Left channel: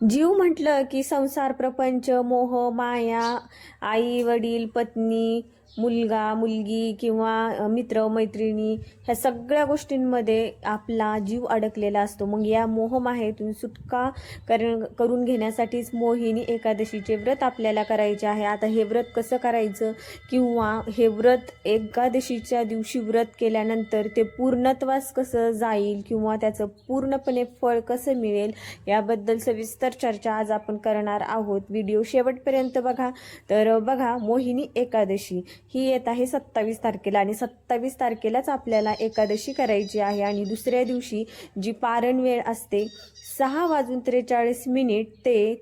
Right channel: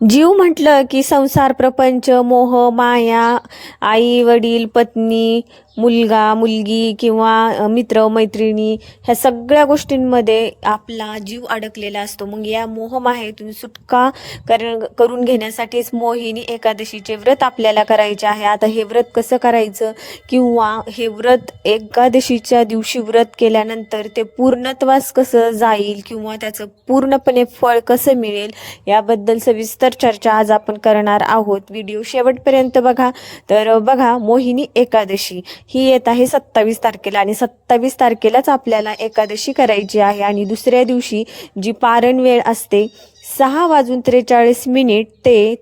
जीव म्हटलं की संसार, प्रपंच, मोह, माया, आई वडील, पत्नी, मुलगा मुलगी किंवा मित्र मैत्रिणी, ह्या सगळ्या गोष्टींमध्ये आपला जीव अडकलेला असतो. मग या मोहमायेतून सुटका करून घेण्यासाठीच मोहिनी एकादशीचे व्रत आपल्याला करायचे आहे. आता हे व्रत कसं करायचं किंवा हे व्रत एकादशीच्या दिवशी व्रत केल्यानंतर ते पूर्णत्वास कसं जाईल किंवा त्याचं पूर्णपणे फळ कसं मिळेल याबद्दल सविस्तर चर्चा आज आपण करणार आहोत. व्हिडिओ शेवटपर्यंत बघा. तर बघा, मोहिनी एकादशी ही येत आहे 27 तारखेला आणि 27 तारखेलाच आपल्याला एकादशी करायची आहे. आणि दुसऱ्या दिवशी जी पारण वेळ असते 6:43 ते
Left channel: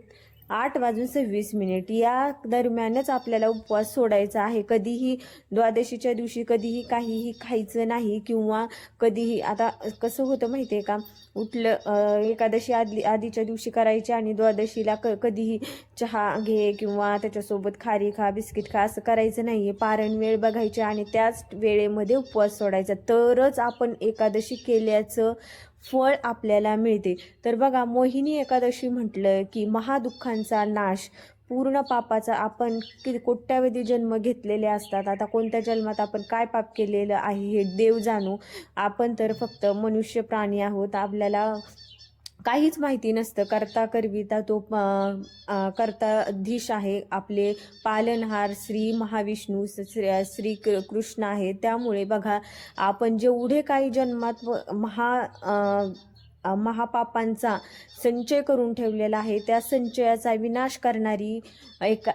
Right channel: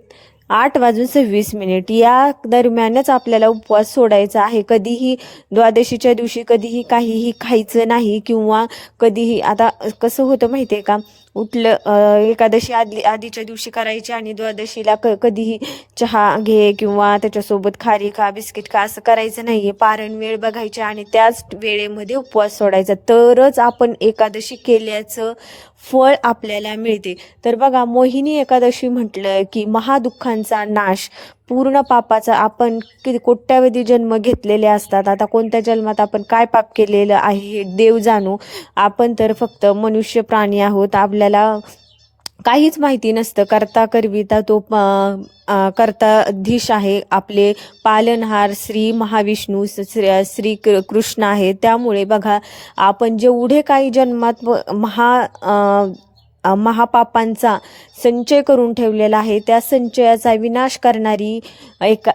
8:26 या दरम्यानच आपल्याला उपवास सोडायचा आहे. कधीही द्वादशीच्या दिवशी कधीही काहीही खायचं नाही किंवा कधीही, आता कसं होतं माहिती आहे का, एकादशी आधीच्या दिवशी करायची आणि द्वादशीला कधीही चहा घे किंवा त्याच्यासोबत खारी खा, बिस्किट खा, असं करायचं नाहीये. पारण वेळ बघायची आणि त्याच वेळेमध्ये उपवास सोडायचा, तरच आपण एकादशी केल्याचं फळ आपल्याला मिळते. तर बघा, मोहिनी एकादशी म्हटलं की महादुःखांचा नाश, पूर्ण पापाचा, आपण किती कोट्यावधी जन्म घेतलेले असतात. आता कोणत्या जन्मात आपण काय पाप केलेलं आहे हे देव जाणू. आपण तर फक्त मनुष्य प्राणी आहोत. आपल्याला काहीच माहिती नसतं. करता करविता तो करताधीश आहे. आपले पालनहार श्री महाविष्णू, श्री कृष्ण आहे. त्यामुळे बघा, आपण जेवढे काही जन्मात महापापांचा संचय करून ठेवलेला आहे, त्या संचयाचा विनाश करणारी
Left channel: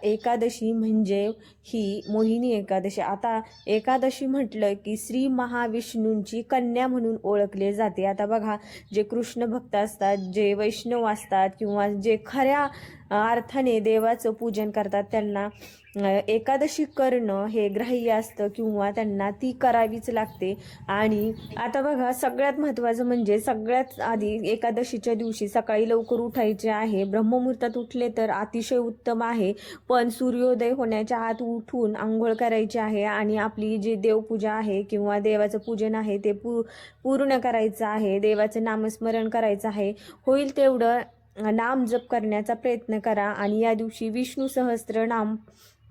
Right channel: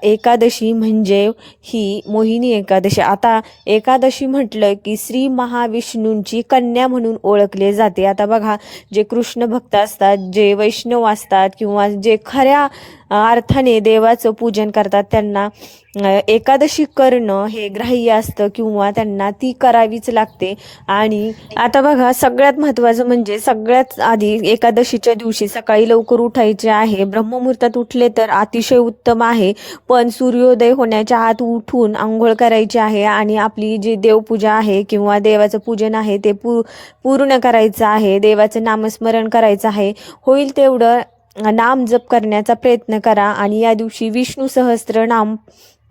एकादशी म्हणजे ही मोहिनी एकादशी. आता एकादशी म्हटलं की श्री महाविष्णूंची कन्या म्हणून ओळखले जाते. आता बघा, जे कृष्ण भक्त असतात, जे वैष्णव असतात किंवा जे खऱ्या अर्थाने देवाचं पूजन करतात, त्यांना एकादशी करणं हे ग्राह्य असतं किंवा त्यांना ती करावीच लागते. आणि आता बघा, सगळ्यात महत्त्वाचं म्हणजे सगळ्यात आधी एकादशीच्या दिवशी सकाळी लवकर उठायचे आहे. ब्रह्ममुहूर्तात उठले तर अतिशय उत्तम आहे, पण सूर्योदय होण्याच्या आत उठून आंघोळ करायची आहे आणि आपली जी देवपूजा आहे किंवा देवाचं पूजन आहे ते पूर्ण करायचं आहे. देवाचं नामस्मरण करायचं आहे. होईल तेवढं नाम जप करण्याचा प्रयत्न करा आणि या दिवशी विष्णू सहस्त्रनाम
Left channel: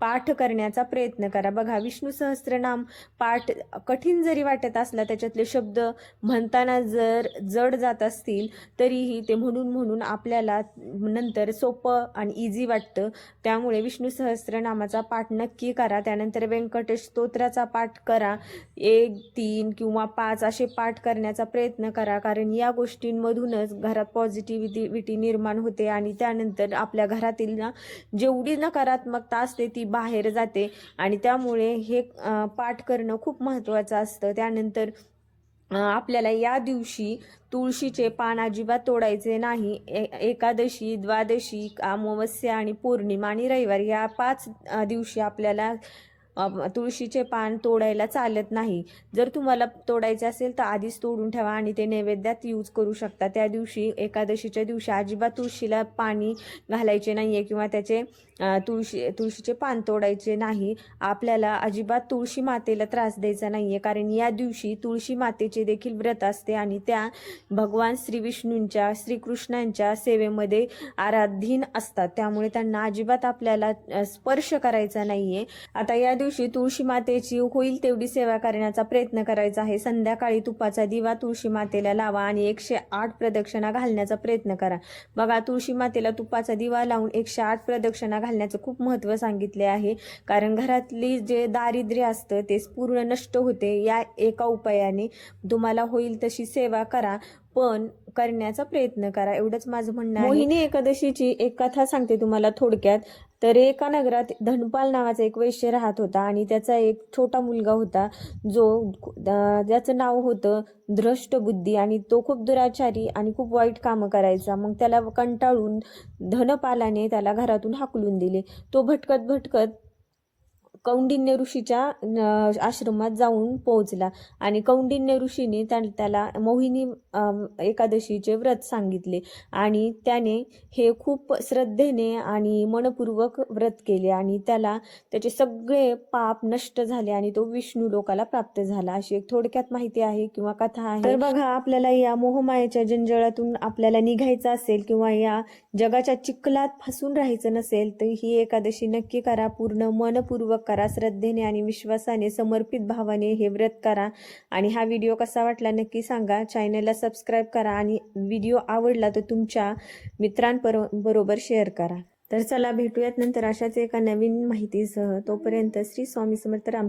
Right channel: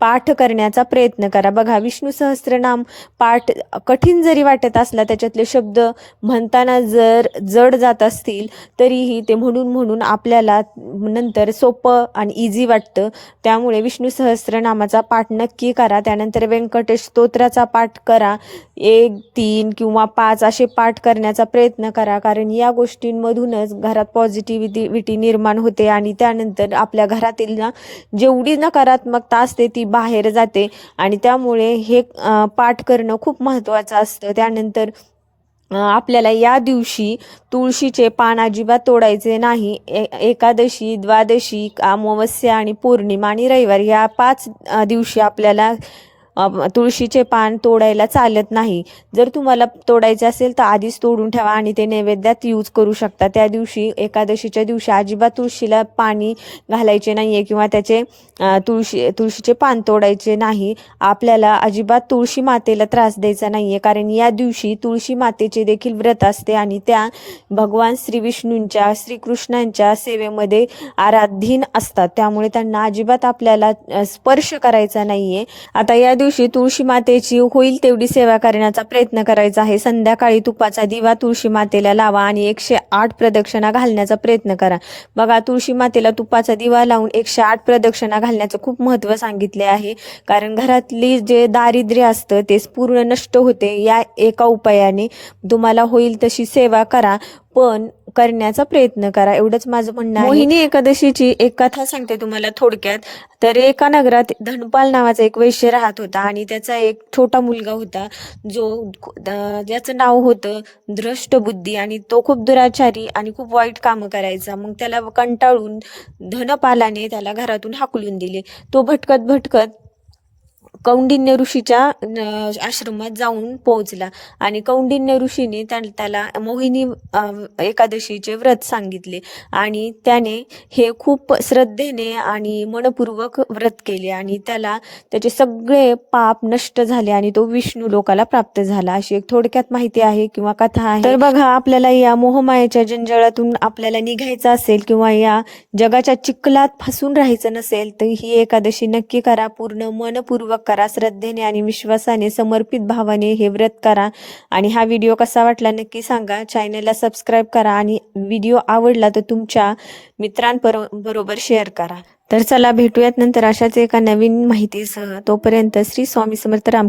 पाठ करण्याचा प्रयत्न करा. बघा, विष्णू सहस्त्रनाम पाठ कठीण जरी वाटत असला, त्याच्यातले शब्द म्हणताना जर जड जात असतील तरीही ते म्हणून आपल्याला नंतर सोपं आणि इझी वाटतं. त्यामुळे विष्णू सहस्त्रनामाचा पाठ नक्की करा. त्यानंतर व्यंकटेश स्तोत्राचा पाठ करा. 1, 3 किंवा 5 असे पाठ करण्याचा प्रयत्न करा, कारण या गोष्टींमधूनच घरात पॉझिटिव्हिटी निर्माण होते आणि त्यानंतर आपल्या घरातील ना जेवढी नकारात्मकता असते ती बाहेर जाते आणि त्यामुळे हे पाठ करणं खूप महत्त्वाचं असतं. त्यानंतर आपल्याला या दिवशी तुळशीचे पान अजिबात तोडायचे नाही. एकादशी, द्वादशी, अमावस्या आणि पौर्णिमा आणि रविवार या 5 दिवशी आपल्याला तुळशीचे पान तोडायला चालत नाही. जर तुम्हाला तोडायचे असेल तर आधीच तोडून ठेवा आणि ते नैवेद्यात यूज करू शकता. त्या दिवशी, एकादशीच्या दिवशी अजिबात तुळशीला पाणी घालायचे नाही आहे किंवा त्याचे तुळशीचे पान तोडायचे नाही. आपल्याला अजिबात तुळशी मातेला त्रास द्यायचा नाही आहे, कारण या दिवशी तुळशी मातेचे देखील व्रत असते आणि त्या भगवान श्री विष्णूंच्या, श्रीकृष्णांच्या सेवेमध्ये आराधीन असतात. त्यामुळे त्यांना अजिबात आपल्याला स्पर्श करायचा नाही आहे. आता या दिवशी तुळशी मातेची होईल तेवढी सेवा करण्याचा प्रयत्न करायचा आहे. संध्याकाळी तुपाचा दिवा तुळशी मातेला लावा आणि 108 प्रदक्षिणा घालण्याचा प्रयत्न करा. बघा, तुळशी मातेला तुपाचा दिवा लावून 108 प्रदक्षिणा घालण्याचं खूप महत्त्व सांगितले आहे, कारण घरातली जे दारिद्र्य असतं ते पूर्ण नष्ट होते या एका उपायाने. तुम्हाला होईल तशी सेवा करा, पण करण्याचा प्रयत्न करा, एवढंच माझं म्हणणं आहे. मोहिनी एकादशीची एक कथा सांगते तुम्हाला थोडक्यात. तर एका नगरात धनपाल नावाचा एक वैश्य राहत होता आणि त्याचा एक छोटा मुलगा होता ज्याचं नाव होतं द्रष्टबुद्धी आणि तो खूप दुराचारी आणि खूप वाईट कामं करायचा. मग त्याला कंटाळून धनपालाने त्याला घरातून हाकलून दिले. तो भटकत कौंडिन्य ऋषीच्या आश्रमात जाऊन पोहोचला आणि कौंडिन्य ऋषीने त्याला मोहिनी एकादशीचे व्रत सांगितले आणि त्याने हे खूप श्रद्धेने आणि मनपूर्वक व्रत केले आणि त्याचे सगळे पाप नष्ट झाले आणि तो विष्णू लोकाला प्राप्त झाला. अशी एक थोडक्यात माहिती आहे किंवा कथा आहे. तर बघा, आपल्याला या मोहमायेच्या जंजाळातून आपल्याला निघायचं असेल किंवा या जगाच्या चिखलात फसून राहायचं नसेल तर ही एकादशी नक्की करा. पूर्ण मनपूर्वक करा, श्रद्धेने आणि विश्वासाने समर्पित भावाने हे व्रत करा. आणि हा व्हिडिओ कसा वाटला नक्की सांगा. चॅनलला सबस्क्राईब करा आणि व्हिडिओ आवडला तर तुमच्या मित्रांबरोबर शेअर करा. तर चला भेटूयात नंतर अशाच एका नवीन माहितीसह. तोपर्यंत श्री स्वामी समर्थ राम.